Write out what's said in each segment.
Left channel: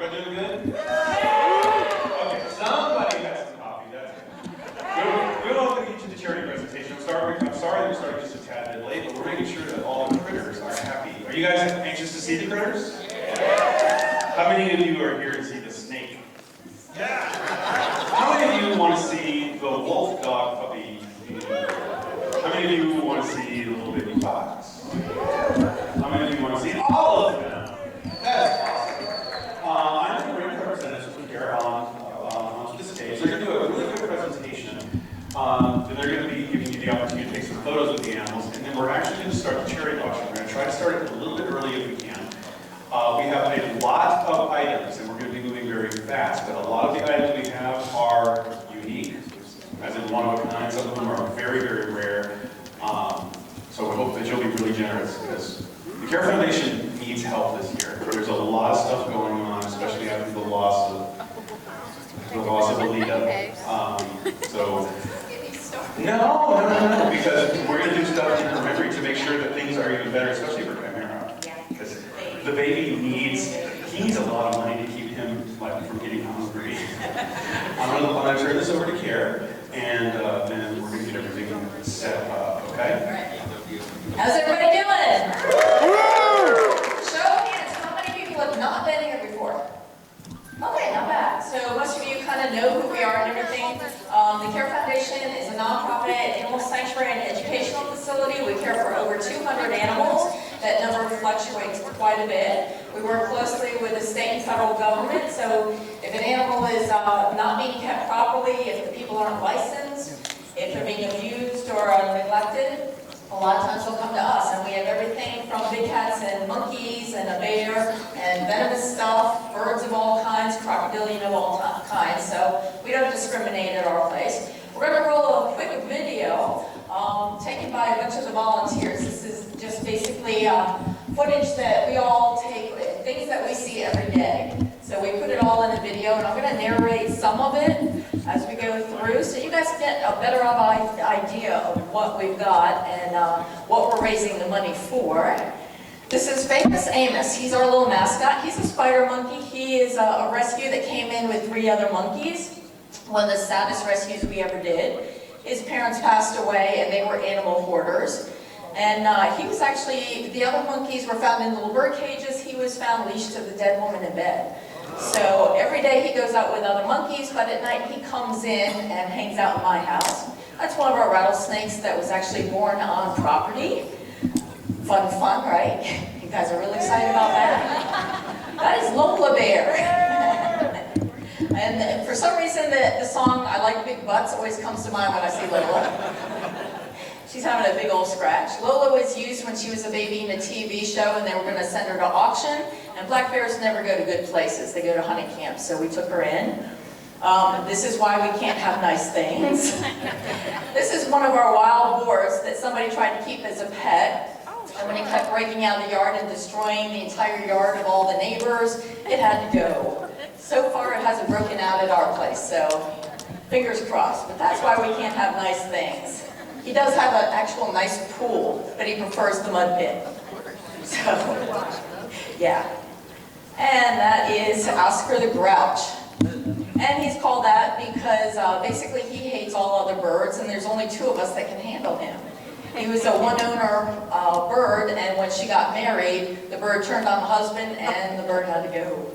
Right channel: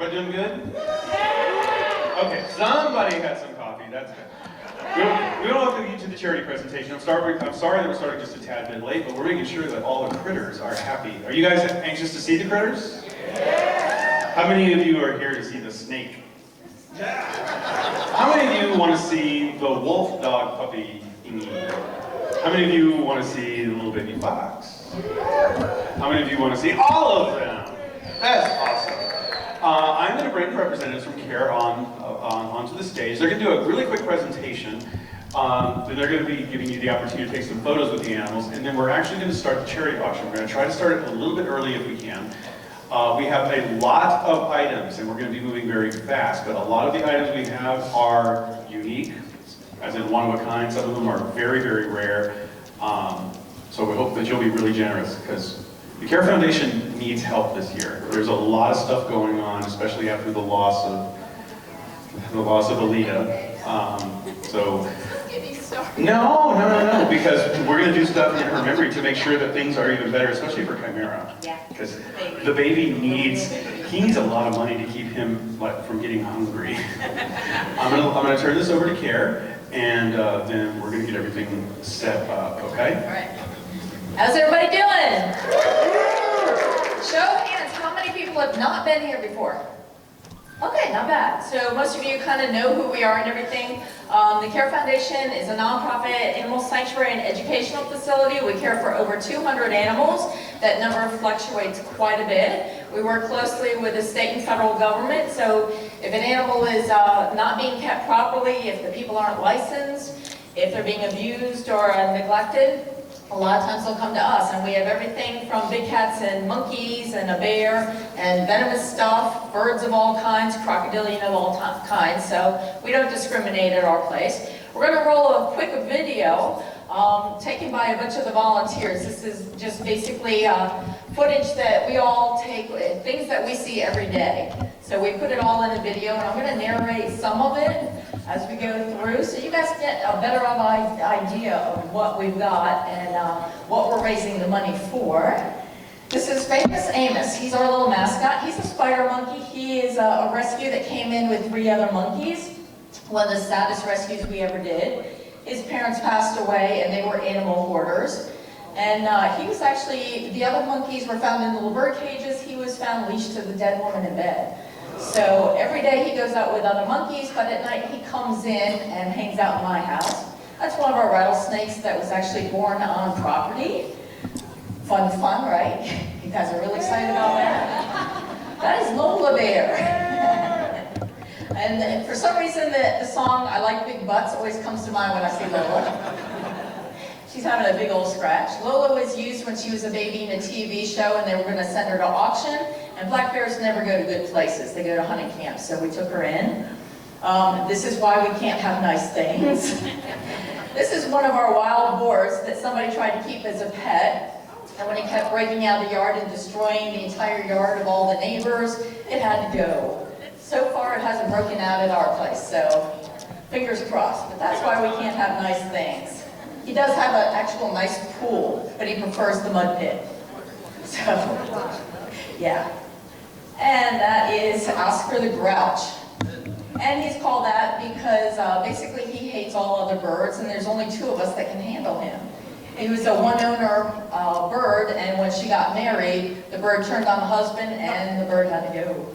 Everybody doing good? Okay, somebody got some coffee, that's good. We don't have to get to the charity presentation. I'm sorry that we're starting just a tad bit late, but we're making sure that all the critters are happy. Are you guys anxious to see the critters? Yeah. How many of you are here to see the snake? Yeah. How many of you want to see the wolf dog puppy? How many of you want to see the little baby fox? How many of you want to see all of them? That's awesome. I'm going to bring representatives from CARE onto the stage. They're going to do a really quick presentation. Then they're going to be giving you the opportunity to take some photos with the animals, and then we're actually going to start the charity auction. We're going to try to start it a little bit early if we can. We have a lot of items, and we're going to be moving very fast, but a lot of the items we have are unique, as in one of a kind. Some of them are very, very rare. So we hope that you'll be really generous, because the CARE Foundation needs help this year. There's a lot of stuff going on, especially after the loss of Alita. No, because we're going to do stuff in her memory to make sure that things are even better, especially for Chimera. Because the baby needs a lot of money to keep him from getting hungry. I'm going to turn this over to CARE, and then we're going to get everything set up, okay? All right. How's everybody doing? Show of hands, how many people have not been here before? Okay, not bad. So most of you kind of know who we are and everything. The CARE Foundation is a nonprofit animal sanctuary and educational facility. We care for over 200 animals. That number fluctuates quite a bit. We work closely with the state and federal government. So if an animal is not being kept properly, if the people aren't licensed, if they're being abused or neglected, a lot of times they'll come to us, and we have everything from big cats and monkeys and a bear and venomous stuff, birds of all kinds, crocodilian of all kinds, so we don't discriminate at our place. We're going to roll a quick video taken by a bunch of the volunteers. This is just basically footage that we all take, things that we see every day. So we put it all in a video, and I'm going to narrate some of it as we go through, so you guys get a better idea of what we've got and what we're raising the money for. This is Famous Amos. He's our little mascot. He's a spider monkey. He is a rescue that came in with 3 other monkeys. One of the saddest rescues we ever did. His parents passed away, and they were animal hoarders. And he was actually, the other monkeys were found in little bird cages. He was found leashed to the dead woman in bed. So every day he goes out with other monkeys, but at night he comes in and hangs out in my house. That's one of our rattlesnakes that was actually born on property. Fun, right? You guys are really excited about that? That is Lola Bear. And for some reason the song I Like Big Butts always comes to mind when I see Lola. She's having a big old scratch. Lola was used when she was a baby in a TV show, and they were going to send her to auction. And black bears never go to good places. They go to hunting camps, so we took her in. This is why we can't have nice things. This is one of our wild boars that somebody tried to keep as a pet. And when it kept breaking out of the yard and destroying the entire yard of all the neighbors, it had to go. So far, it hasn't broken out at our place, so fingers crossed. But that's why we can't have nice things. He does have an actual nice pool, but he prefers the mud pit. So, yeah. And that is Oscar the Grouch. And he's called that because basically he hates all other birds, and there's only 2 of us that can handle him. He was a one-owner bird, and when she got married, the bird turned on the husband, and the bird had to go.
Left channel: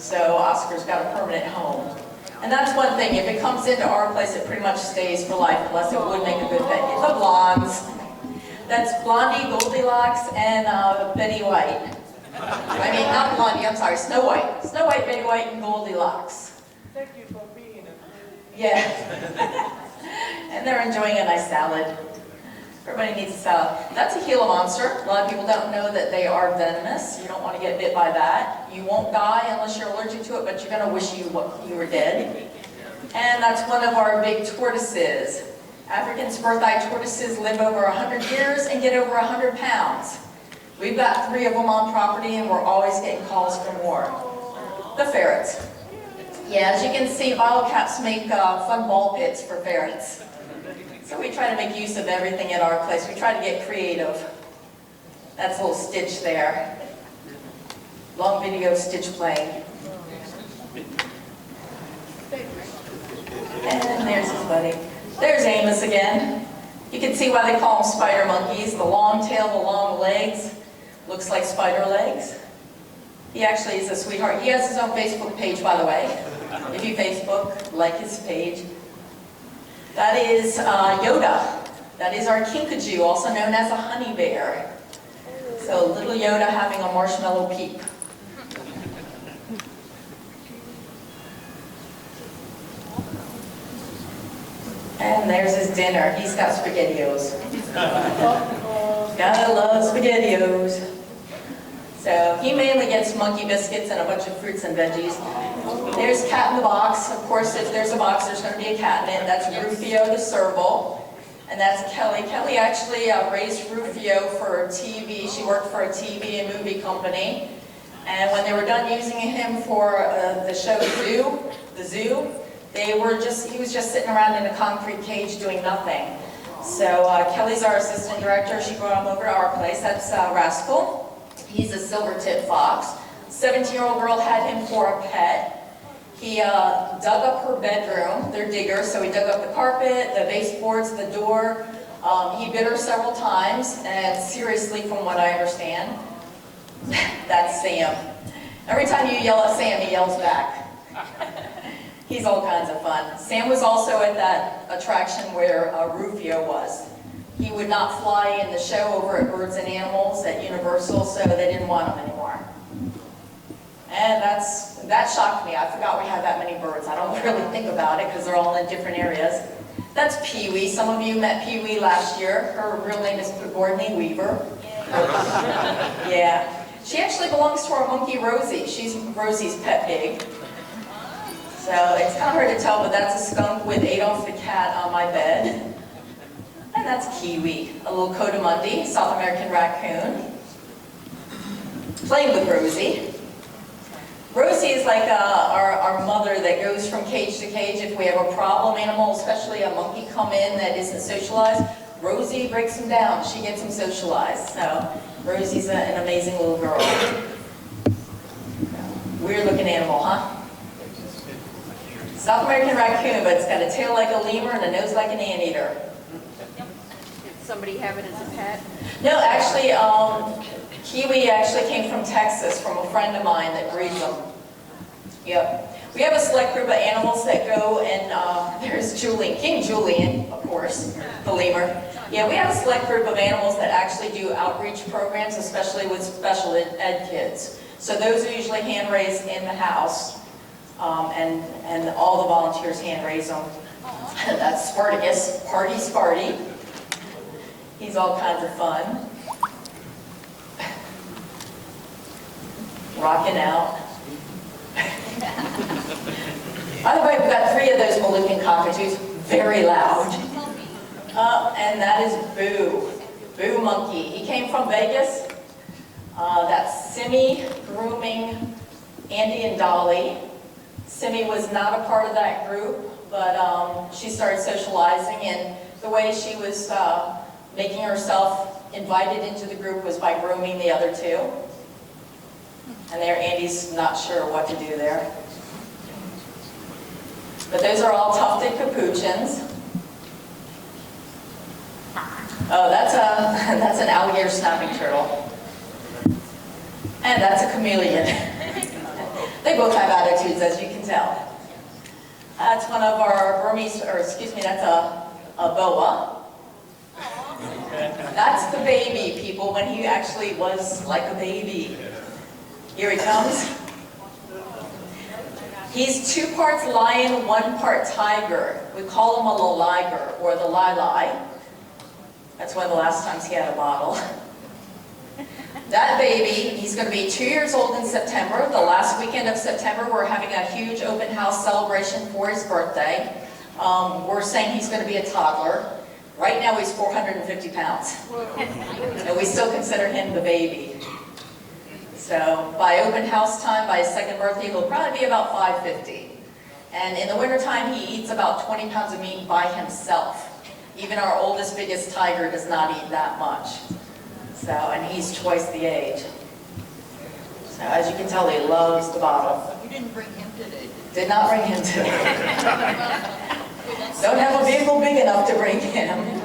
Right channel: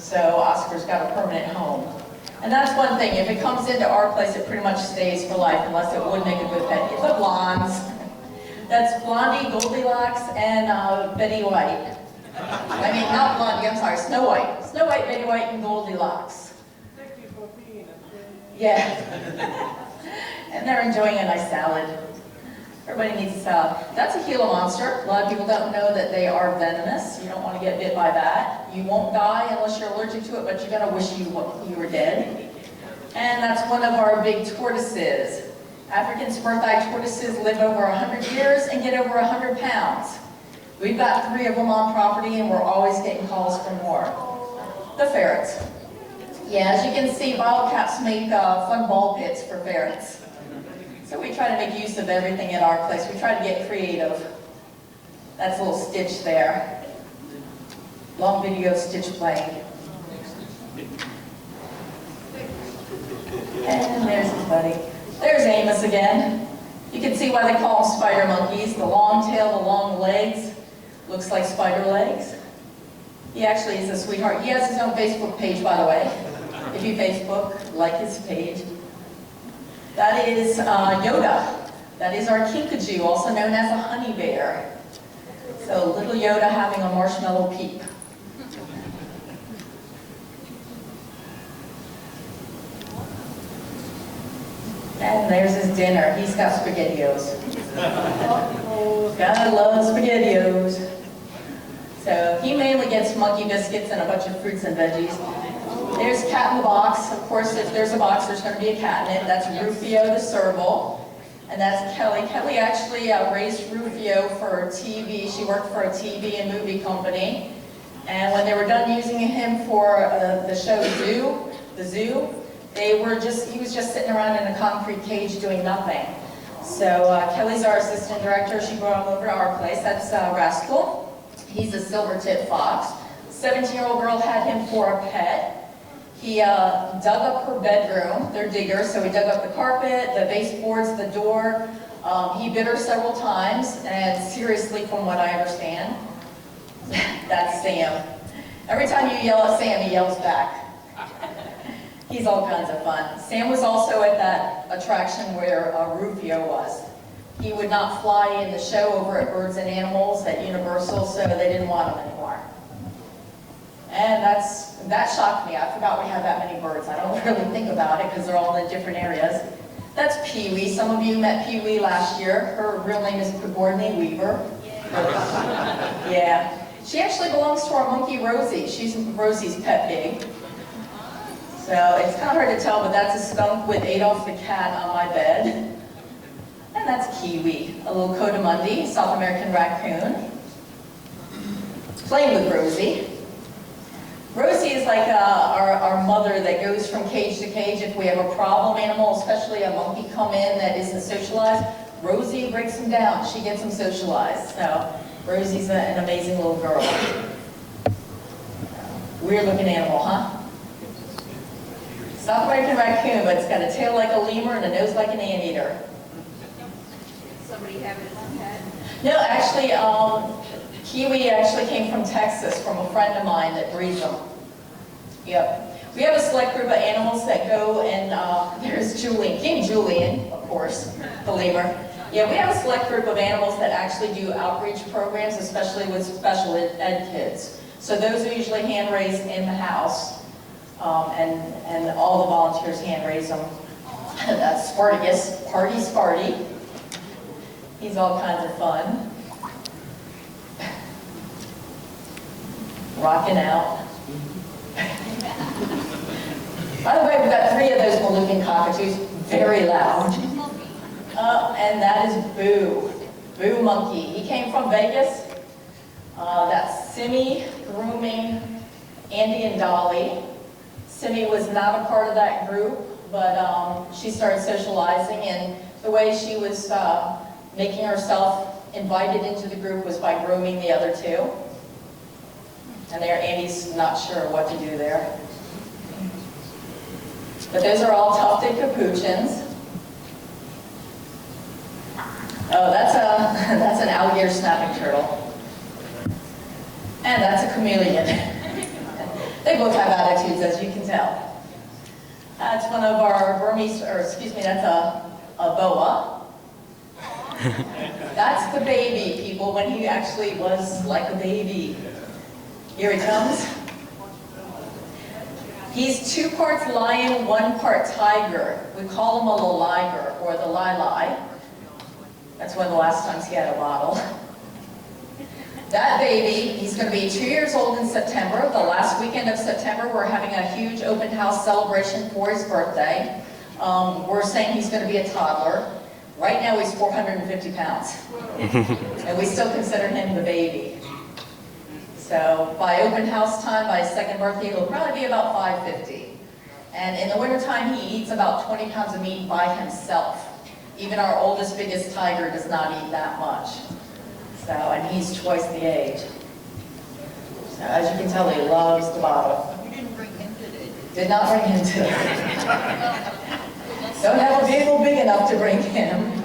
So Oscar's got a permanent home. And that's one thing, if it comes into our place, it pretty much stays for life, unless it would make a good pet. It's the blondes. That's Blondie, Goldilocks, and Betty White. I mean, not Blondie, I'm sorry, Snow White. Snow White, Betty White, and Goldilocks. Thank you for being a Yeah. And they're enjoying a nice salad. Everybody needs a salad. That's a Gila monster. A lot of people don't know that they are venomous. You don't want to get bit by that. You won't die unless you're allergic to it, but you're going to wish you were dead. And that's one of our big tortoises. African spurtheye tortoises live over 100 years and get over 100 pounds. We've got 3 of them on property, and we're always getting calls for more. The ferrets. Yeah, as you can see, bottle caps make fun ball pits for ferrets. So we try to make use of everything at our place. We try to get creative. That's a little Stitch there. Long video of Stitch playing. And there's his buddy. There's Amos again. You can see why they call them spider monkeys. The long tail, the long legs. Looks like spider legs. He actually is a sweetheart. He has his own Facebook page, by the way. If you Facebook, like his page. That is Yoda. That is our kinkajou, also known as a honey bear. So little Yoda having a marshmallow peep. And there's his dinner. He's got SpaghettiOs. Gotta love SpaghettiOs. So he mainly gets monkey biscuits and a bunch of fruits and veggies. There's Cat in the Box. Of course, if there's a box, there's going to be a cat in it. That's Rufio the serval. And that's Kelly. Kelly actually raised Rufio for TV. She worked for a TV and movie company. And when they were done using him for the show The Zoo, he was just sitting around in a concrete cage doing nothing. So Kelly's our assistant director. She brought him over to our place. That's Rascal. He's a silver-tip fox. 17-year-old girl had him for a pet. He dug up her bedroom. They're diggers, so he dug up the carpet, the baseboards, the door. He bit her several times, and seriously, from what I understand, that's Sam. Every time you yell at Sam, he yells back. He's all kinds of fun. Sam was also at that attraction where Rufio was. He would not fly in the show over at Birds and Animals at Universal, so they didn't want him anymore. And that shocked me. I forgot we had that many birds. I don't really think about it because they're all in different areas. That's Pee-wee. Some of you met Pee-wee last year. Her real name is Pegorney Weaver. Yeah. She actually belongs to our monkey Rosie. She's Rosie's pet pig. So it's kind of hard to tell, but that's a skunk with Adolf the cat on my bed. And that's Kiwi, a little coatimundi, South American raccoon. Playing with Rosie. Rosie is like our mother that goes from cage to cage. If we have a problem animal, especially a monkey come in that isn't socialized, Rosie breaks him down. She gets him socialized. So Rosie's an amazing little girl. Weird looking animal, huh? South American raccoon, but it's got a tail like a lemur and a nose like an anteater. Somebody have it as a pet? No, actually, Kiwi actually came from Texas, from a friend of mine that breeds them. Yep. We have a select group of animals that go and, there's Julian, King Julian, of course, the lemur. Yeah, we have a select group of animals that actually do outreach programs, especially with special ed kids. So those are usually hand raised in the house, and all the volunteers hand raise them. That's Spartacus, Party Sparty. He's all kinds of fun. Rocking out. By the way, we've got 3 of those Moluccan cockatoos, very loud. And that is Boo. Boo Monkey. He came from Vegas. That's Simi, Grooming, Andy, and Dolly. Simi was not a part of that group, but she started socializing, and the way she was making herself invited into the group was by grooming the other 2. And there, Andy's not sure what to do there. But those are all tufted capuchins. Oh, that's an alligator snapping turtle. And that's a chameleon. They both have attitudes, as you can tell. That's one of our Burmese, that's a boa. That's the baby, people, when he actually was like a baby. Here he comes. He's 2 parts lion, 1 part tiger. We call him a liger, or the lai. That's one of the last times he had a bottle. That baby, he's going to be 2 years old in September. The last weekend of September, we're having a huge open house celebration for his birthday. We're saying he's going to be a toddler. Right now he's 450 pounds. And we still consider him the baby. So by open house time, by his 2nd birthday, he'll probably be about 550. And in the wintertime, he eats about 20 pounds of meat by himself. Even our oldest, biggest tiger does not eat that much. So, and he's twice the age. So as you can tell, he loves the bottle. You didn't bring him today. Did not bring him today. Don't have a vehicle big enough to bring him.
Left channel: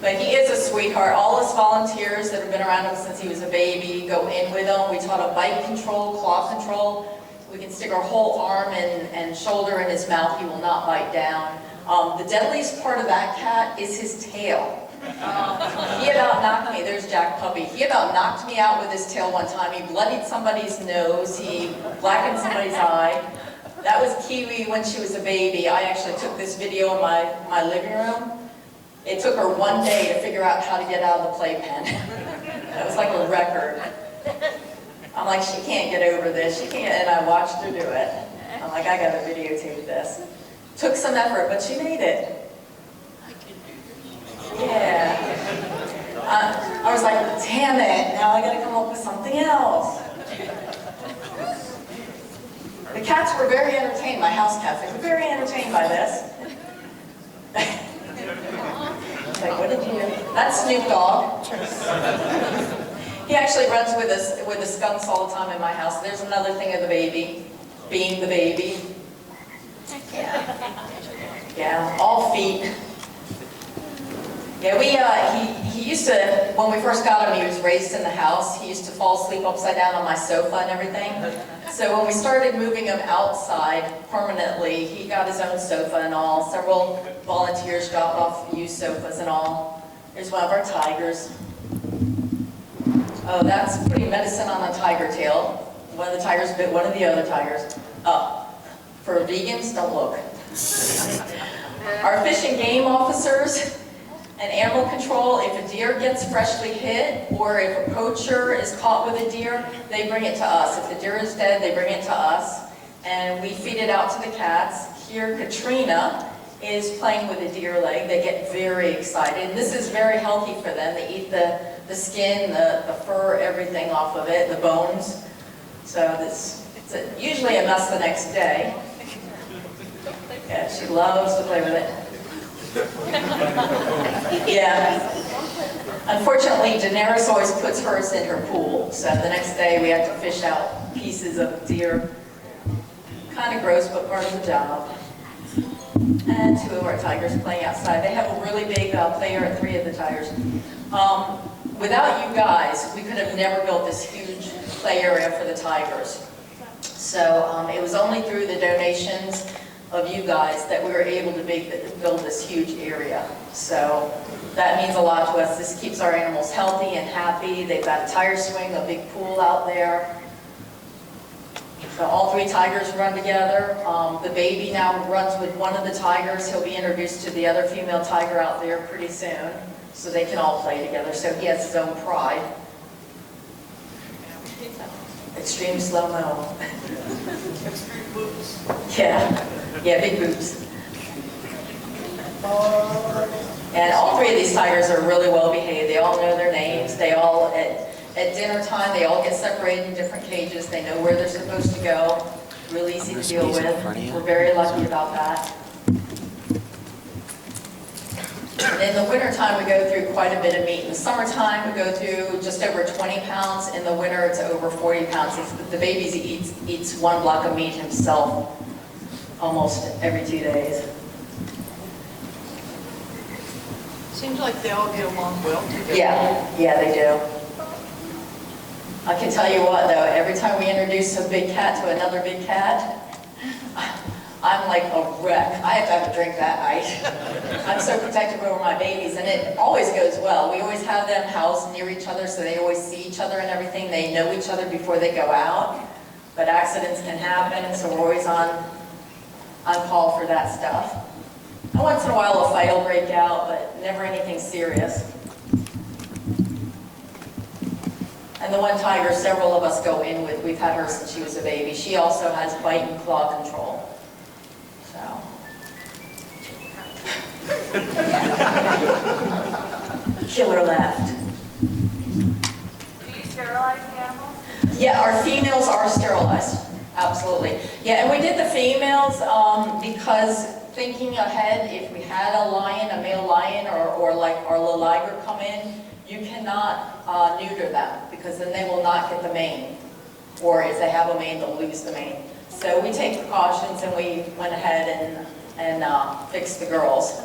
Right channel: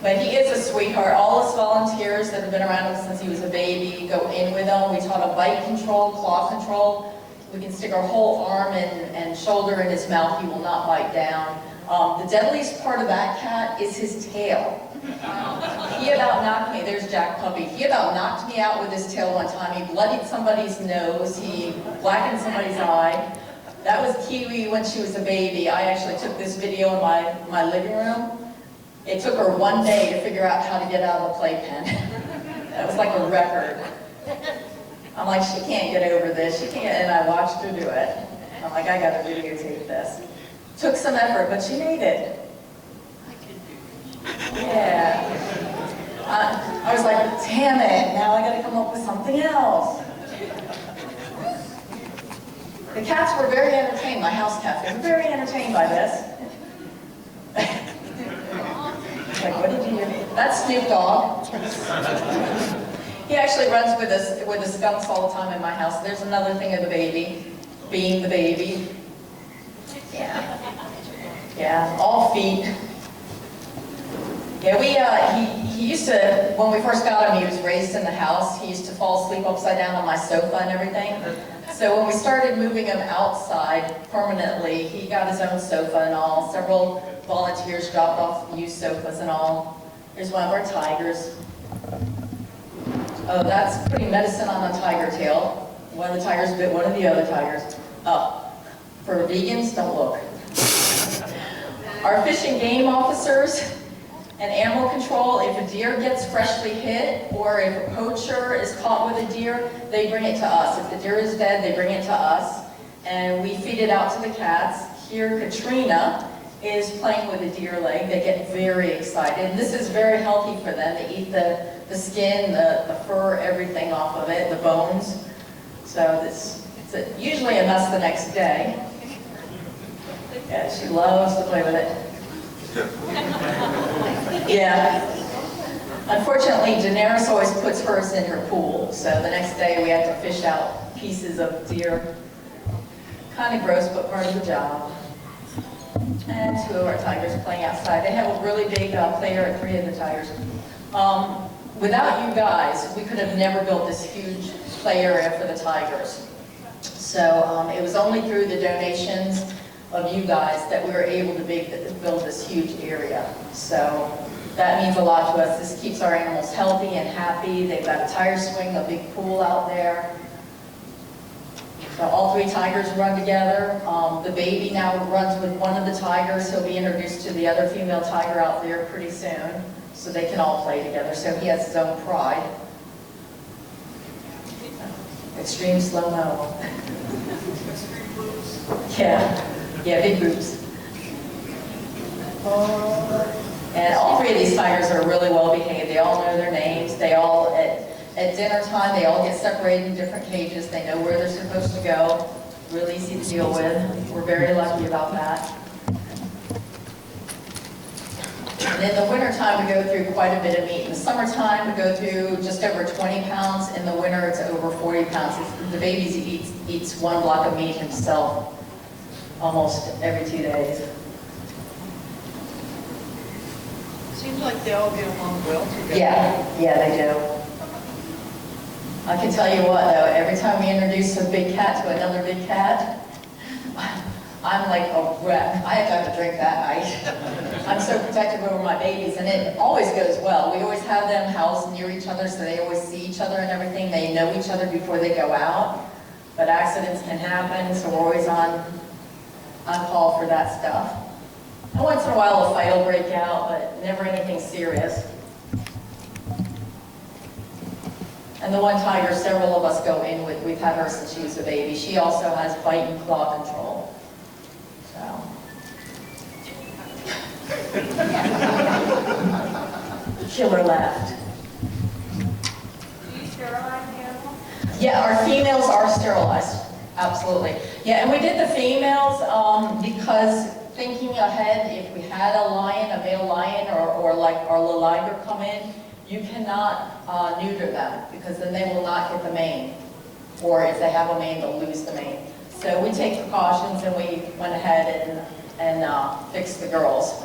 But he is a sweetheart. All us volunteers that have been around him since he was a baby go in with him. We taught him bite control, claw control. We can stick our whole arm and shoulder in his mouth. He will not bite down. The deadliest part of that cat is his tail. He about knocked me, there's Jack Puppy. He about knocked me out with his tail one time. He bloodied somebody's nose. He blackened somebody's eye. That was Kiwi when she was a baby. I actually took this video in my living room. It took her one day to figure out how to get out of the playpen. That was like a record. I'm like, she can't get over this. She can't, and I watched her do it. I'm like, I gotta videotape this. Took some effort, but she made it. Yeah. I was like, damn it, now I gotta come up with something else. The cats were very entertained, my house cats, they were very entertained by this. Like, what did you do? That's Snoop Dogg. He actually runs with the skunks all the time in my house. There's another thing of the baby, being the baby. Yeah, all feet. Yeah, he used to, when we first got him, he was raised in the house. He used to fall asleep upside down on my sofa and everything. So when we started moving him outside permanently, he got his own sofa and all. Several volunteers dropped off used sofas and all. Here's one of our tigers. Oh, that's putting medicine on a tiger tail. One of the tigers bit one of the other tigers. For vegans, don't look. Our fish and game officers and animal control, if a deer gets freshly hit or if a poacher is caught with a deer, they bring it to us. If the deer is dead, they bring it to us and we feed it out to the cats. Here, Katrina is playing with a deer leg. They get very excited. And this is very healthy for them. They eat the skin, the fur, everything off of it, the bones. So it's usually a mess the next day. Yeah, she loves to play with it. Yeah. Unfortunately, Daenerys always puts hers in her pool. So the next day we have to fish out pieces of deer. Kind of gross, but part of the job. And two of our tigers playing outside. They have a really big play area, 3 of the tigers. Without you guys, we could have never built this huge play area for the tigers. So it was only through the donations of you guys that we were able to build this huge area. So that means a lot to us. This keeps our animals healthy and happy. They've got a tire swing, a big pool out there. So all 3 tigers run together. The baby now runs with one of the tigers. He'll be introduced to the other female tiger out there pretty soon, so they can all play together. So he has his own pride. Extreme slow-mo. Yeah, big boobs. And all 3 of these tigers are really well behaved. They all know their names. They all, at dinner time, they all get separated in different cages. They know where they're supposed to go. Really easy to deal with. We're very lucky about that. And in the wintertime, we go through quite a bit of meat. In the summertime, we go through just over 20 pounds. In the winter, it's over 40 pounds. The baby eats 1 block of meat himself almost every 2 days. Seems like they all get along well together. Yeah, they do. I can tell you what though, every time we introduce a big cat to another big cat, I'm like a wreck. I have to have a drink that night. I'm so protective over my babies, and it always goes well. We always have them housed near each other, so they always see each other and everything. They know each other before they go out, but accidents can happen, so we're always on call for that stuff. And once in a while a fight will break out, but never anything serious. And the one tiger several of us go in with, we've had her since she was a baby. She also has bite and claw control. So. Killer left. Do you sterilize the animals? Yeah, our females are sterilized. Absolutely. Yeah, and we did the females because thinking ahead, if we had a lion, a male lion, or like our little liger come in, you cannot neuter them because then they will not get the mane. Or if they have a mane, they'll lose the mane. So we take precautions and we went ahead and fix the girls.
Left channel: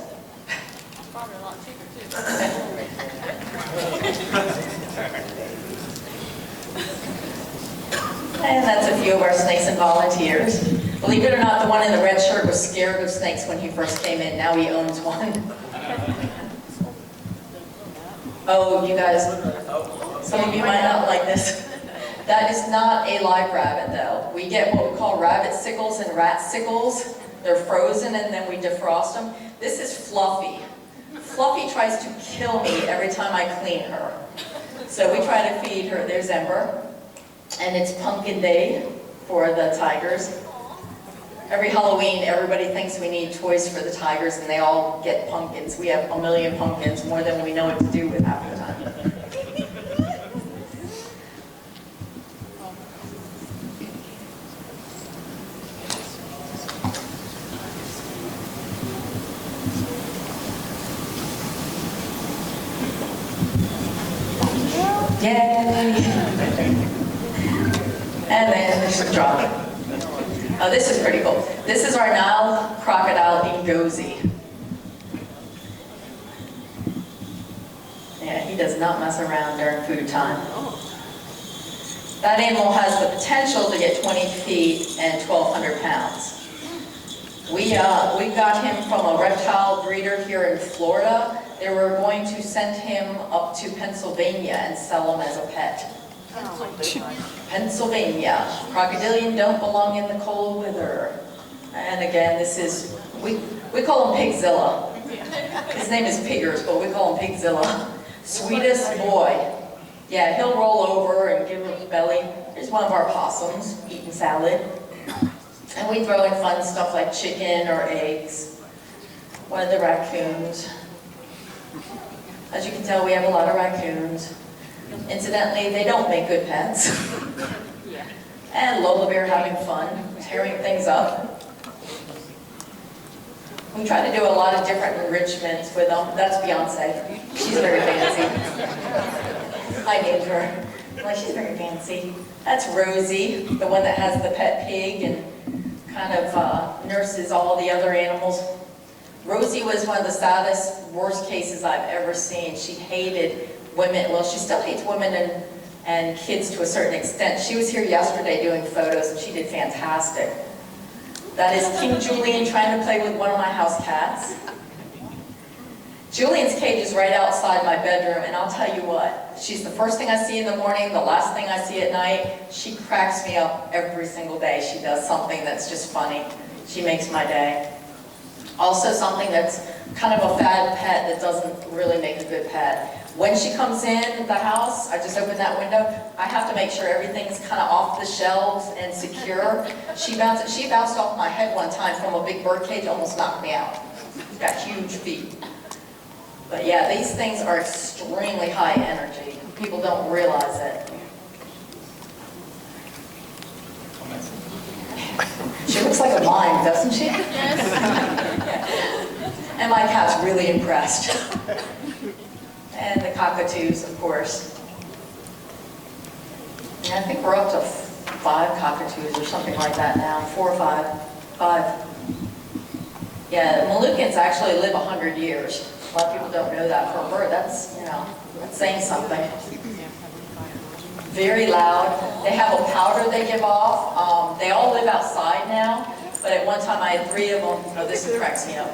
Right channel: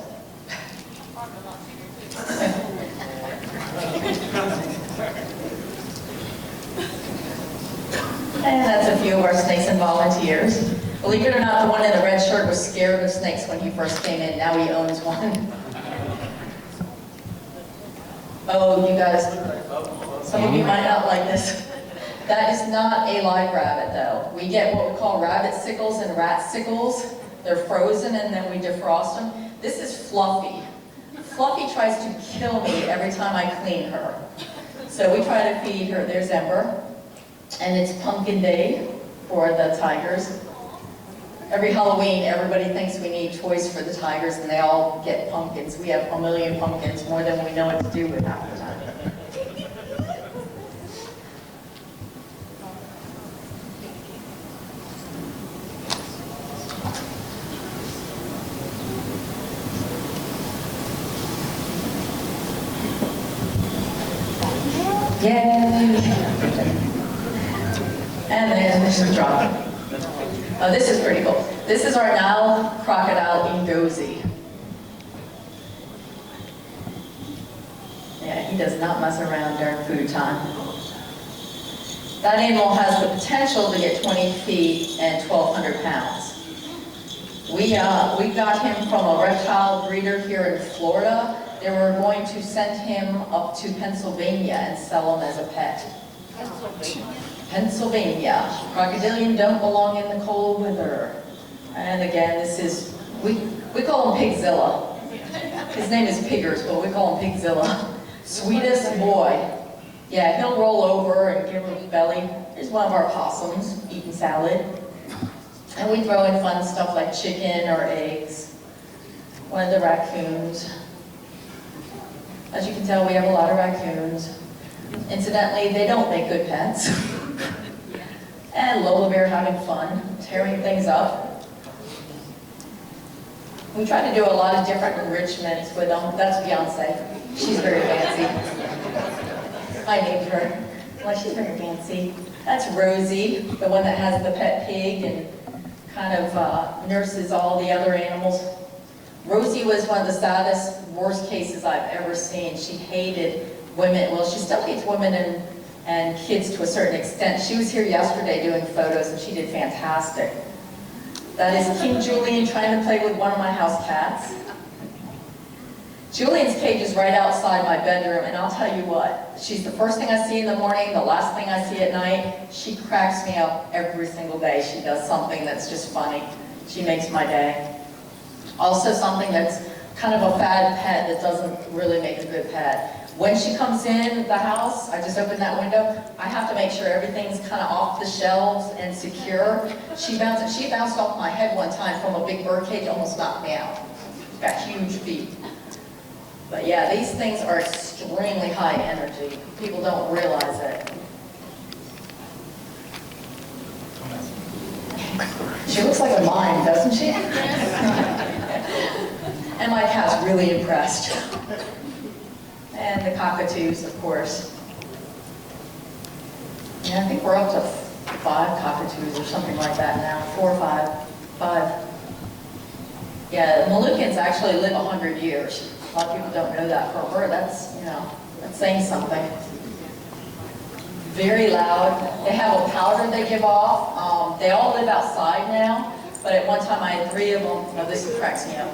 And that's a few of our snakes and volunteers. Believe it or not, the one in the red shirt was scared of snakes when he first came in. Now he owns one. Oh, you guys, some of you might not like this. That is not a live rabbit, though. We get what we call rabbit sickles and rat sickles. They're frozen and then we defrost them. This is Fluffy. Fluffy tries to kill me every time I clean her. So we try to feed her. There's Ember. And it's Pumpkin Day for the tigers. Every Halloween, everybody thinks we need toys for the tigers, and they all get pumpkins. We have a million pumpkins, more than we know what to do with half the time. Yay! And then there's the drop. Oh, this is pretty cool. This is our Nile crocodile Ngozi. Yeah, he does not mess around during food time. That animal has the potential to get 20 feet and 1,200 pounds. We got him from a reptile breeder here in Florida. They were going to send him up to Pennsylvania and sell him as a pet. Pennsylvania. Crocodilian don't belong in the cold weather. And again, this is, we call him Pigzilla. His name is Piggers, but we call him Pigzilla. Sweetest boy. Yeah, he'll roll over and give her belly. Here's one of our possums eating salad. And we throw in fun stuff like chicken or eggs. One of the raccoons. As you can tell, we have a lot of raccoons. Incidentally, they don't make good pets. And Lola Bear having fun, tearing things up. We try to do a lot of different enrichments with them. That's Beyonce. She's very fancy. I named her. Well, she's very fancy. That's Rosie, the one that has the pet pig and kind of nurses all the other animals. Rosie was one of the saddest, worst cases I've ever seen. She hated women. Well, she still hates women and kids to a certain extent. She was here yesterday doing photos, and she did fantastic. That is King Julian trying to play with one of my house cats. Julian's cage is right outside my bedroom, and I'll tell you what, she's the first thing I see in the morning, the last thing I see at night. She cracks me up every single day. She does something that's just funny. She makes my day. Also something that's kind of a fad pet that doesn't really make a good pet. When she comes in the house, I just open that window, I have to make sure everything's kind of off the shelves and secure. She bounced off my head one time from a big bird cage, almost knocked me out. She's got huge feet. But yeah, these things are extremely high energy. People don't realize it. She looks like a mime, doesn't she? And my cat's really impressed. And the cockatoos, of course. And I think we're up to 5 cockatoos or something like that now. 4 or 5. 5. Yeah, Moluccans actually live 100 years. A lot of people don't know that for a bird. That's, that's saying something. Very loud. They have a powder they give off. They all live outside now, but at one time I had 3 of them. No, this cracks me up.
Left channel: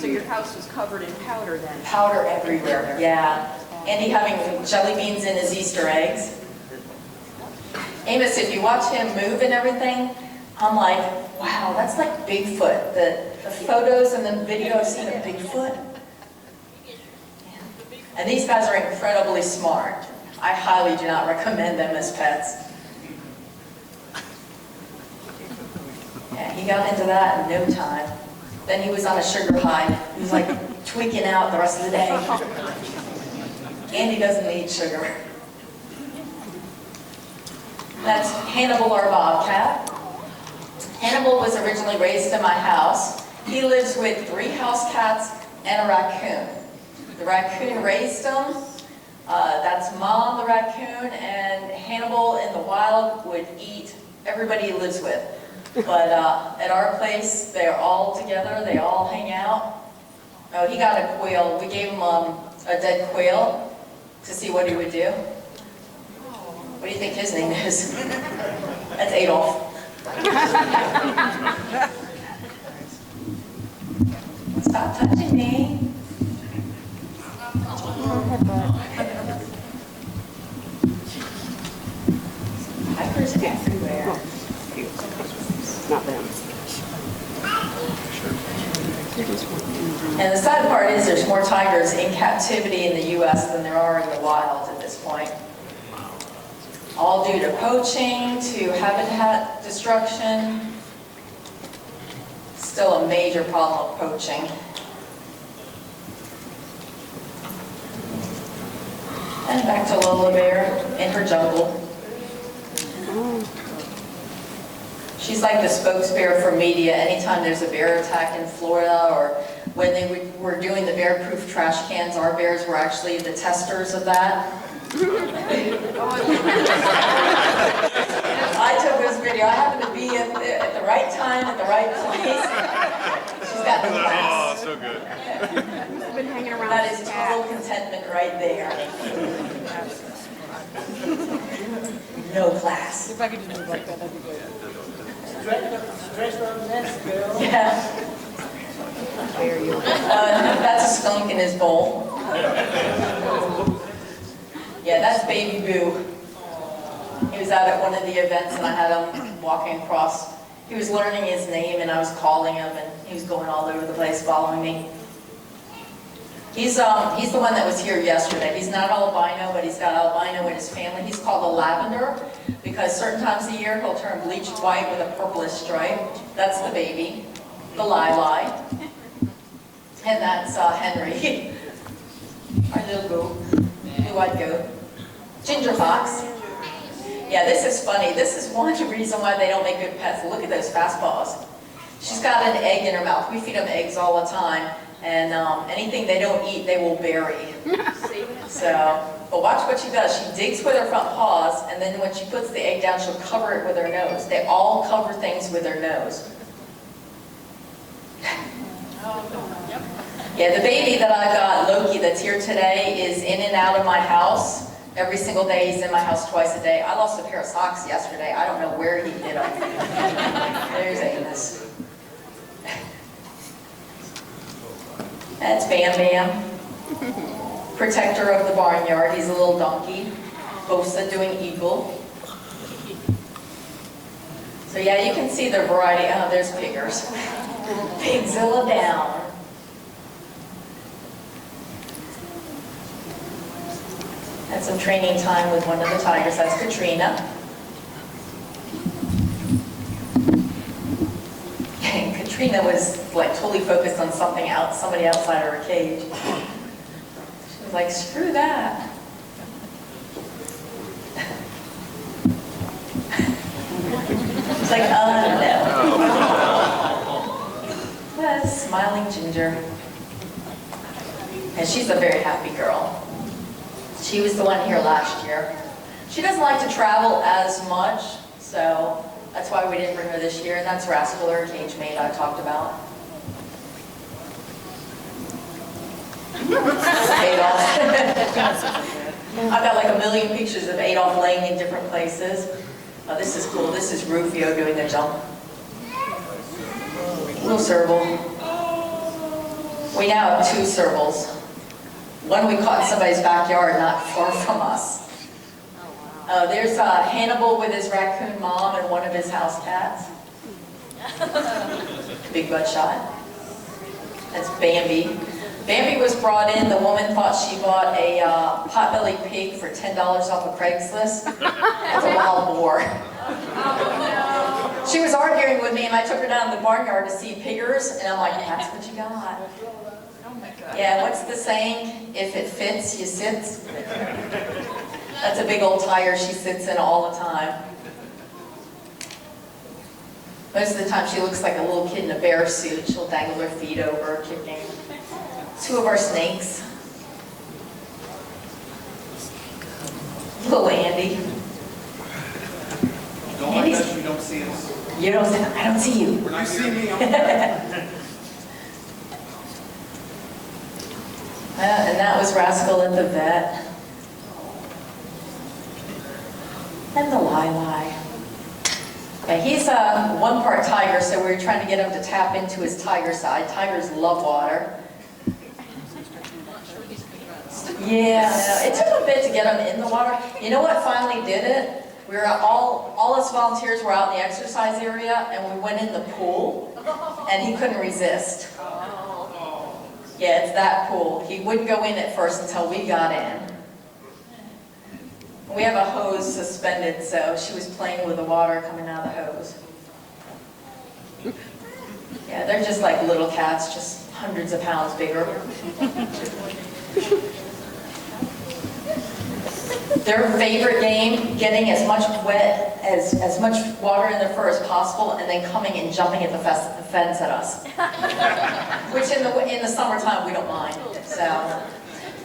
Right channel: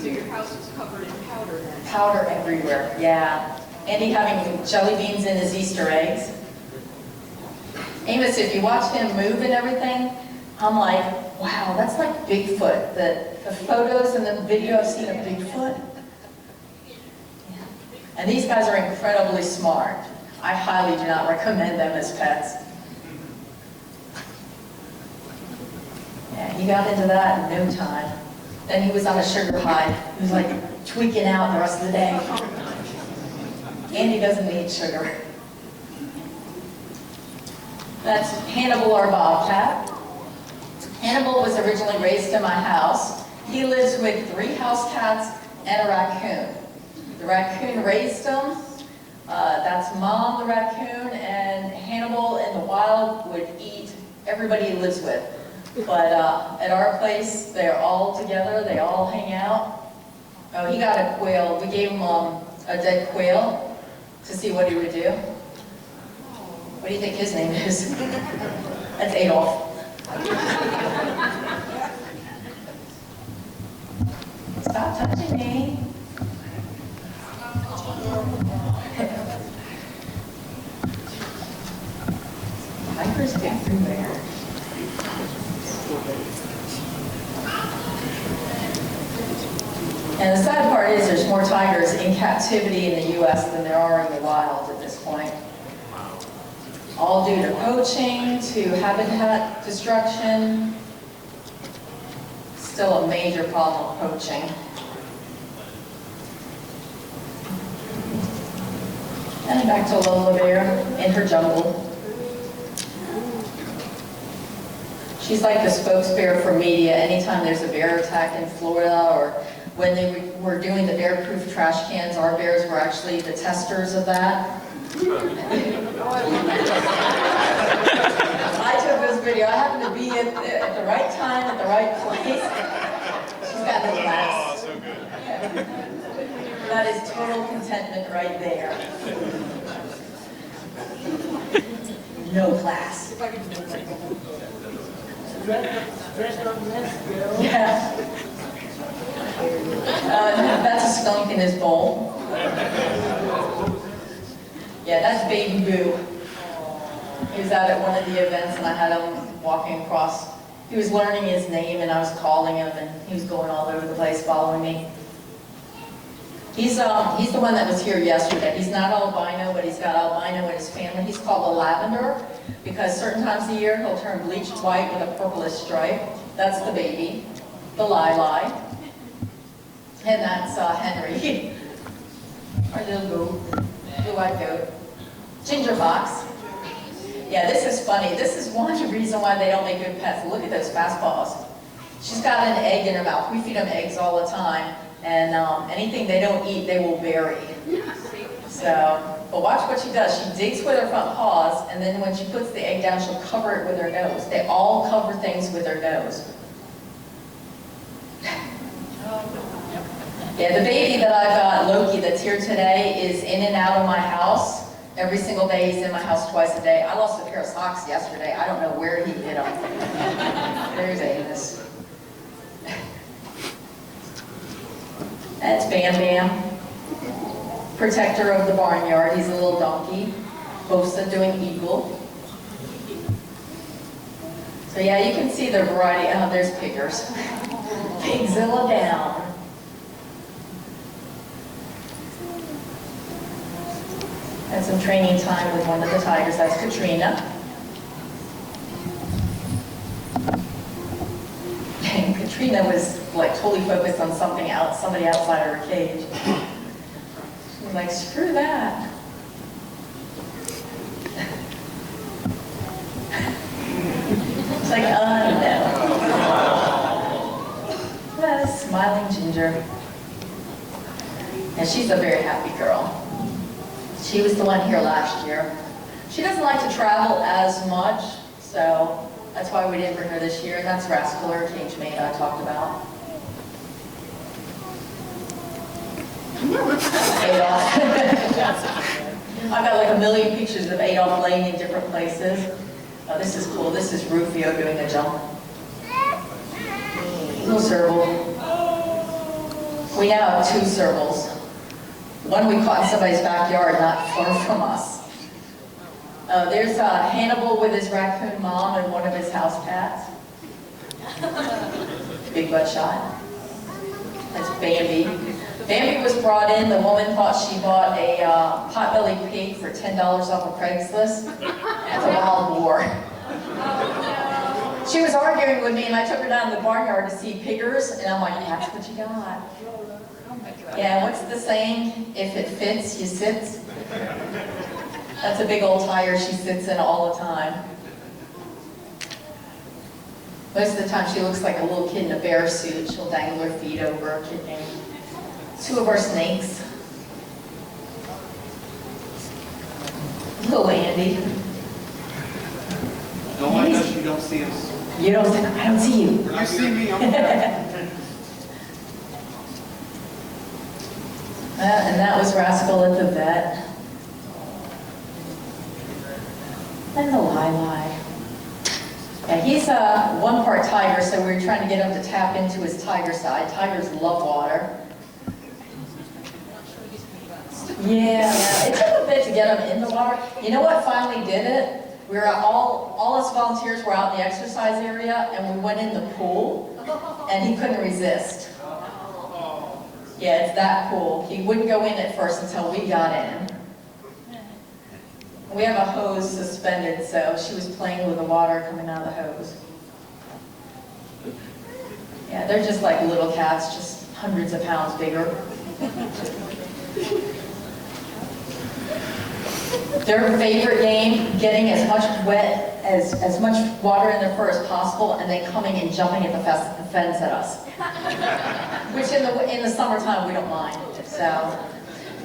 So your house was covered in powder then? Powder everywhere, yeah. Andy having jelly beans in his Easter eggs. Amos, if you watch him move and everything, I'm like, wow, that's like Bigfoot. The photos and the video I've seen of Bigfoot. Yeah. And these guys are incredibly smart. I highly do not recommend them as pets. Yeah, he got into that in no time. Then he was on a sugar high. He was like tweaking out the rest of the day. Andy doesn't need sugar. That's Hannibal, our bobcat. Hannibal was originally raised in my house. He lives with 3 house cats and a raccoon. The raccoon raised him. That's Mom, the raccoon, and Hannibal in the wild would eat everybody he lives with. But at our place, they're all together, they all hang out. Oh, he got a quail. We gave him a dead quail to see what he would do. What do you think his name is? That's Adolf. Stop touching me. Tigers everywhere. And the sad part is there's more tigers in captivity in the U.S. than there are in the wild at this point. All due to poaching, to habitat destruction. Still a major problem of poaching. And back to Lola Bear in her jungle. She's like the spokesperson for media. Anytime there's a bear attack in Florida, or when they were doing the bear-proof trash cans, our bears were actually the testers of that. I took this video. I happened to be at the right time, at the right place. She's got no class. Oh, so good. That is total contentment right there. No class. If I could just do like that, that'd be good. Yeah. That's a skunk in his bowl. Yeah, that's Baby Boo. He was out at one of the events and I had him walking across. He was learning his name and I was calling him and he was going all over the place following me. He's the one that was here yesterday. He's not albino, but he's got albino in his family. He's called a lavender because certain times of year he'll turn bleached white with a purplish stripe. That's the baby, the Lili. And that's Henry, our little goat, blue-eyed goat. Ginger fox. Yeah, this is funny. This is one reason why they don't make good pets. Look at those fast paws. She's got an egg in her mouth. We feed them eggs all the time. And anything they don't eat, they will bury. So, but watch what she does. She digs with her front paws, and then when she puts the egg down, she'll cover it with her nose. They all cover things with their nose. Yeah, the baby that I got, Loki, that's here today, is in and out of my house. Every single day, he's in my house twice a day. I lost a pair of socks yesterday. I don't know where he did them. There's Amos. That's Bam Bam, protector of the barnyard. He's a little donkey, host of Doing Eagle. So yeah, you can see the variety. Oh, there's Piggers. Pigzilla down. Had some training time with one of the tigers. That's Katrina. And Katrina was like totally focused on something else, somebody outside her cage. She was like, screw that. It's like, no. Well, smiling Ginger. And she's a very happy girl. She was the one here last year. She doesn't like to travel as much, so that's why we didn't bring her this year. And that's Rascal, cage mate I talked about. Adolf. I've got like a million pictures of Adolf laying in different places. Oh, this is cool. This is Rufio doing a jump. Little serval. We now have 2 servals. One we caught in somebody's backyard, not far from us. There's Hannibal with his raccoon mom and one of his house cats. Big butt shot. That's Bambi. Bambi was brought in. The woman thought she bought a potbelly pig for $10 off of Craigslist. That's a wild boar. She was arguing with me, and I took her down to the barnyard to see piggers, and I'm like, that's what you got. Yeah, what's the saying? If it fits, you sit. That's a big old tire she sits in all the time. Most of the time she looks like a little kid in a bear suit. She'll dangle her feet over, kicking. 2 of our snakes. Little Andy. Don't mind us, you don't don't see us. You don't see, I don't see you. When you see me, I'm And that was Rascal at the vet. And the Lili. Yeah, he's one part tiger, so we're trying to get him to tap into his tiger side. Tigers love water. Yeah, it took a bit to get him in the water. You know what finally did it? We were all us volunteers were out in the exercise area, and we went in the pool, and he couldn't resist. Yeah, it's that pool. He wouldn't go in at first until we got in. We have a hose suspended, so she was playing with the water coming out of the hose. Yeah, they're just like little cats, just hundreds of pounds bigger. Their favorite game, getting as much as much water in their fur as possible, and then coming and jumping at the fence at us. Which in the summertime we don't mind. So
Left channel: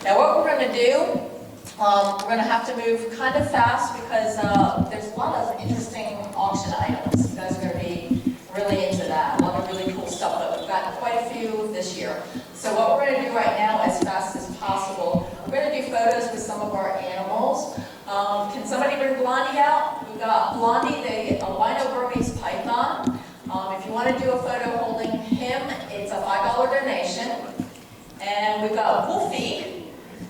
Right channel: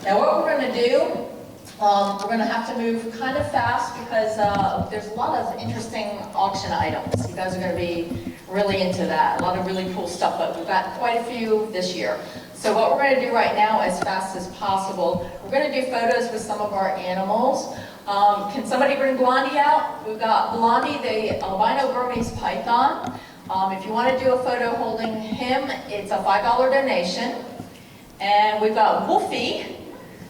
now what we're going to do, we're going to have to move kind of fast because there's a lot of interesting auction items. You guys are going to be really into that. A lot of really cool stuff, but we've got quite a few this year. So what we're going to do right now, as fast as possible, we're going to do photos with some of our animals. Can somebody bring Blondie out? We've got Blondie, the albino Burmese python. If you want to do a photo holding him, it's a $5 donation. And we've got Wolfie.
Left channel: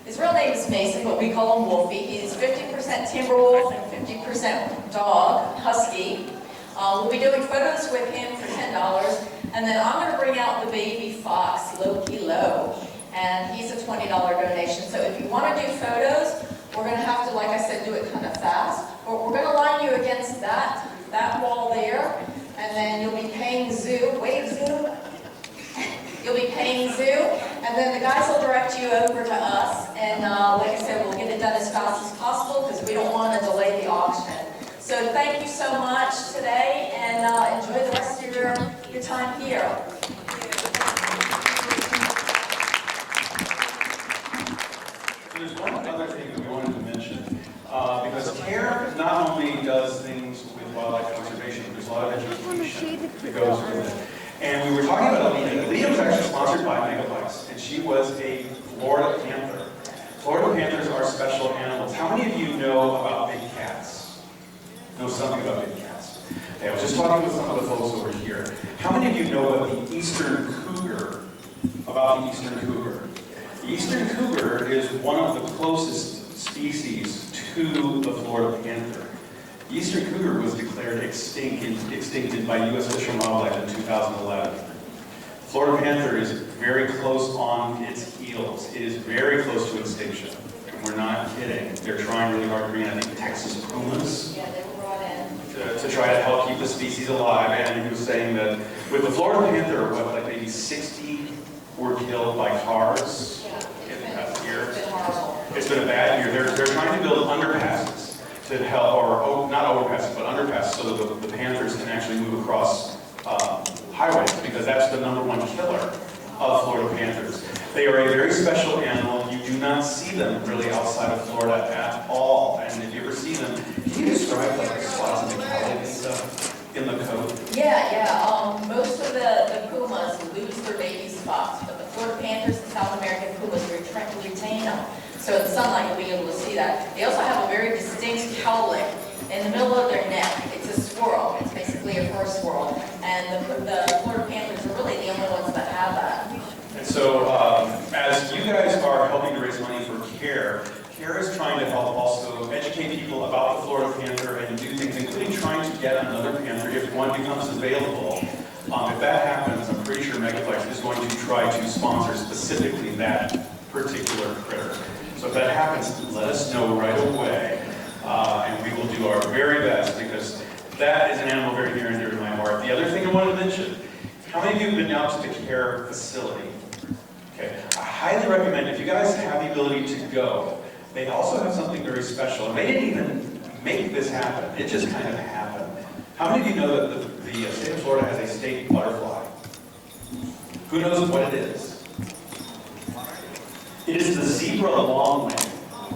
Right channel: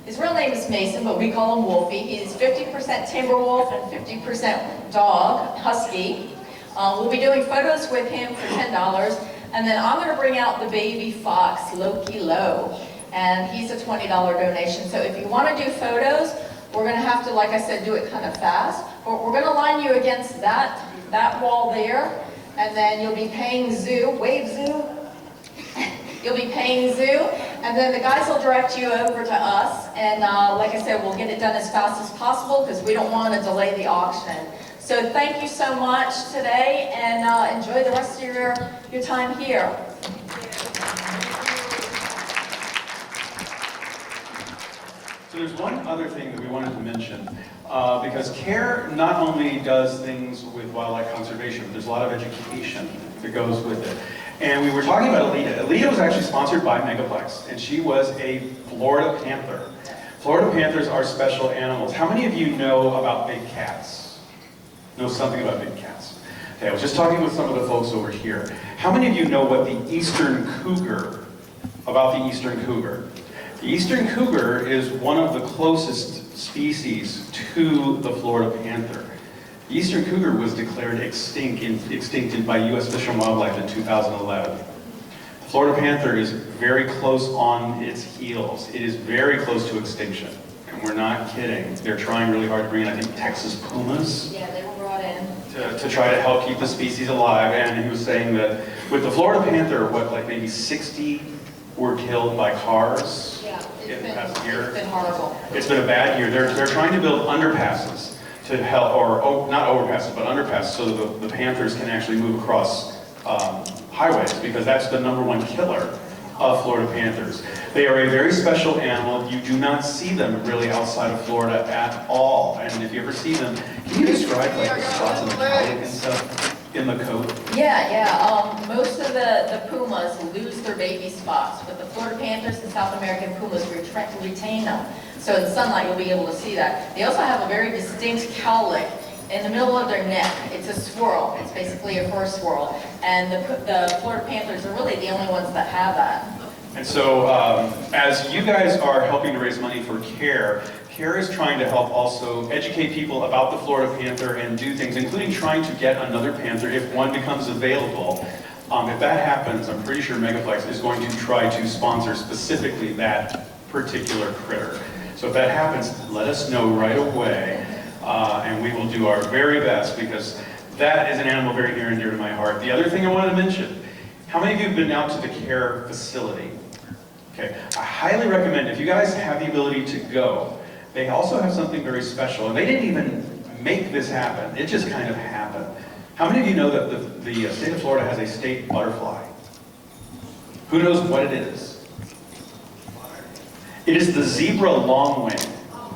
His real name is Mason, but we call him Wolfie. He's 50% timber wolf and 50% dog, husky. We'll be doing photos with him for $10. And then I'm going to bring out the baby fox, Loki Low, and he's a $20 donation. So if you want to do photos, we're going to have to, like I said, do it kind of fast. But we're going to line you against that wall there, and then you'll be paying zoo. Wave zoo. You'll be paying zoo, and then the guys will direct you over to us. And like I said, we'll get it done as fast as possible because we don't want to delay the auction. So thank you so much today, and enjoy the rest of your time here. So there's one other thing that we wanted to mention, because CARE not only does things with wildlife conservation, but there's a lot of education that goes with it. And we were talking about Alita. Alita was actually sponsored by Megaplex, and she was a Florida panther. Florida panthers are special animals. How many of you know about big cats? Know something about big cats? Okay, I was just talking with some of the folks over here. How many of you know what the eastern cougar, about the eastern cougar? The eastern cougar is one of the closest species to the Florida panther. The eastern cougar was declared extincted by U.S. Fish and Wildlife in 2011. The Florida panther is very close on its heels. It is very close to extinction. And we're not kidding. They're trying really hard to bring in, I think, Texas pumas. Yeah, they were brought in. To try to help keep the species alive. And he was saying that with the Florida panther, what, like maybe 60 were killed by cars in the past year? It's been horrible. It's been a bad year. They're trying to build underpasses to help, or not overpasses, but underpasses, so that the panthers can actually move across highways, because that's the #1 killer of Florida panthers. They are a very special animal. You do not see them really outside of Florida at all. And if you ever see them, can you describe like the spots in the cowlick and stuff in the coat? Yeah. Most of the pumas lose their baby spots, but the Florida panthers and South American pumas retain them. So in sunlight, you'll be able to see that. They also have a very distinct cowlick in the middle of their neck. It's a swirl. It's basically a fur swirl. And the Florida panthers are really the only ones that have that. And so, as you guys are helping to raise money for CARE, CARE is trying to help also educate people about the Florida panther and do things, including trying to get another panther if one becomes available. If that happens, I'm pretty sure Megaplex is going to try to sponsor specifically that particular critter. So if that happens, let us know right away, and we will do our very best, because that is an animal very near and dear to my heart. The other thing I wanted to mention, how many of you have been out to the CARE facility? Okay, I highly recommend, if you guys have the ability to go, they also have something very special, and they didn't even make this happen. It just kind of happened. How many of you know that the state of Florida has a state butterfly? Who knows what it is? It is the zebra longwing,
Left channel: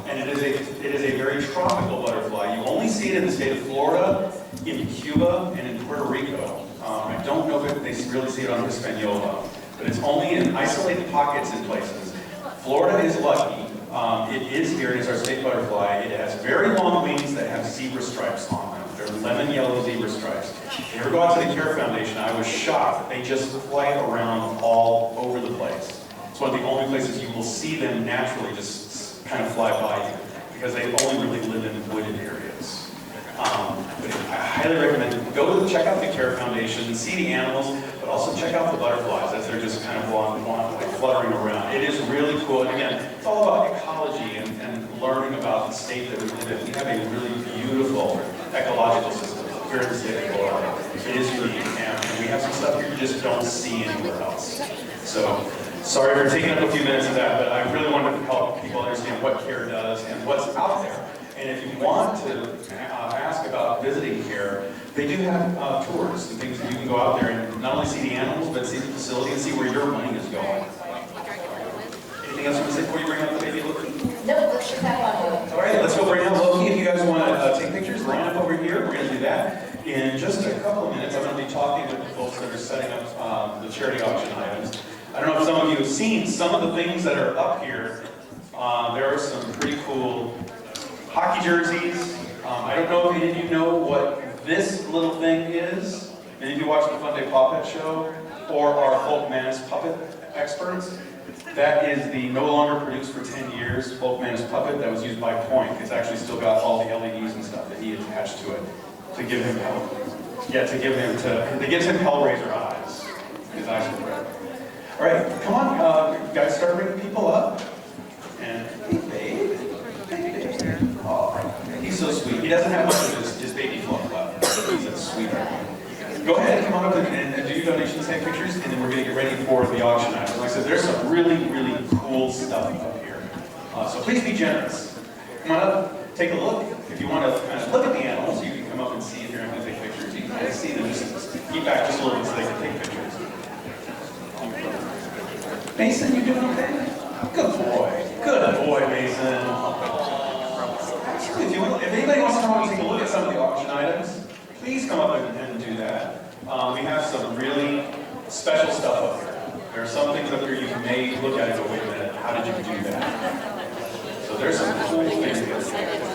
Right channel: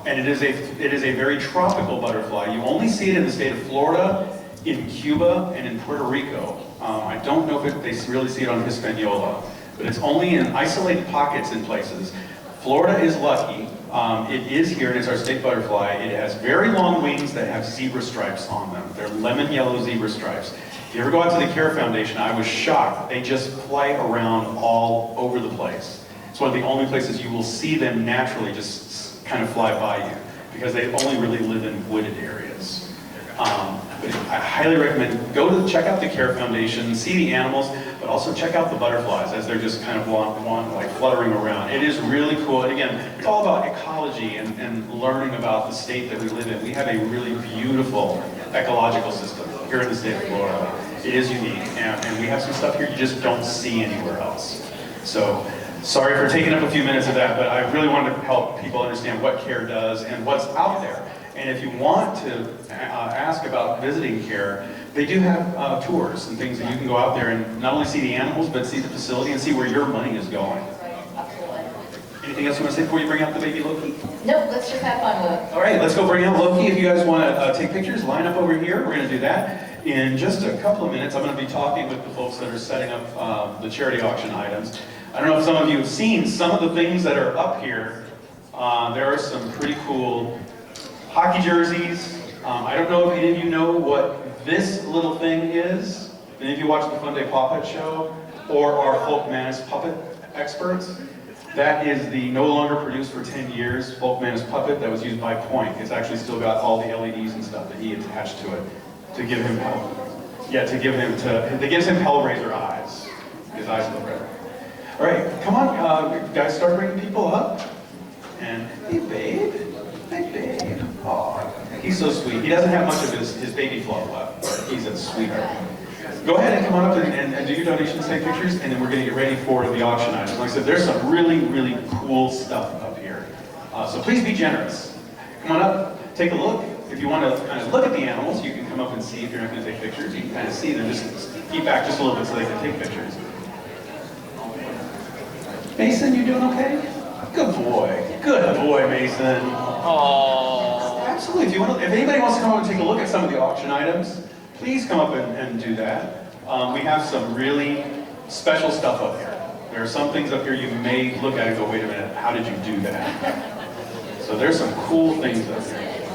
and it is a very tropical butterfly. You only see it in the state of Florida in Cuba and in Puerto Rico. I don't know if they really see it on Hispaniola, but it's only in isolated pockets in places. Florida is lucky. It is here, and it's our state butterfly. It has very long wings that have zebra stripes on them. They're lemon yellow zebra stripes. If you ever go out to the Care Foundation, I was shocked. They just fly around all over the place. It's one of the only places you will see them naturally just kind of fly by you, because they only really live in wooded areas. But I highly recommend, check out the Care Foundation, see the animals, but also check out the butterflies as they're just kind of like fluttering around. It is really cool. And again, it's all about ecology and learning about the state that we live in. We have a really beautiful ecological system here in the state of Florida. It is unique, and we have some stuff here you just don't see anywhere else. So, sorry for taking up a few minutes of that, but I really wanted to help people understand what CARE does and what's out there. And if you want to ask about visiting CARE, they do have tours and things that you can go out there and not only see the animals, but see the facility and see where your money is going. Anything else you want to say before you bring out the baby Loki? No, let's just have fun with it. All right, let's go bring out Loki. If you guys want to take pictures, line up over here. We're going to do that. In just a couple of minutes, I'm going to be talking with the folks that are setting up the charity auction items. I don't know if some of you have seen some of the things that are up here. There are some pretty cool hockey jerseys. I don't know if any of you know what this little thing is. Any of you watch the Fun Day Puppet Show or our Folk Manus Puppet experts? That is the no longer produced for 10 years Folk Manus Puppet that was used by Point. It's actually still got all the LEDs and stuff that he attached to it to give him help. Yeah, it gives him Hellraiser eyes. His eyes look red. All right, come on, guys, start bringing people up. And hey, babe. Hey, babe. Oh, he's so sweet. He doesn't have much of his baby fluff left. He's a sweetheart. Go ahead and come on up and do your donations, take pictures, and then we're going to get ready for the auction items. Like I said, there's some really, really cool stuff up here. So please be generous. Come on up, take a look. If you want to kind of look at the animals, you can come up and see if you're not going to take pictures. You can kind of see them, just keep back just a little bit so they can take pictures. Mason, you doing okay? Good boy. Good boy, Mason. Actually, if anybody wants to come up and take a look at some of the auction items, please come up and do that. We have some really special stuff up here. There are some things up here you may look at and go, wait a minute, how did you do that? So there's some cool things up here.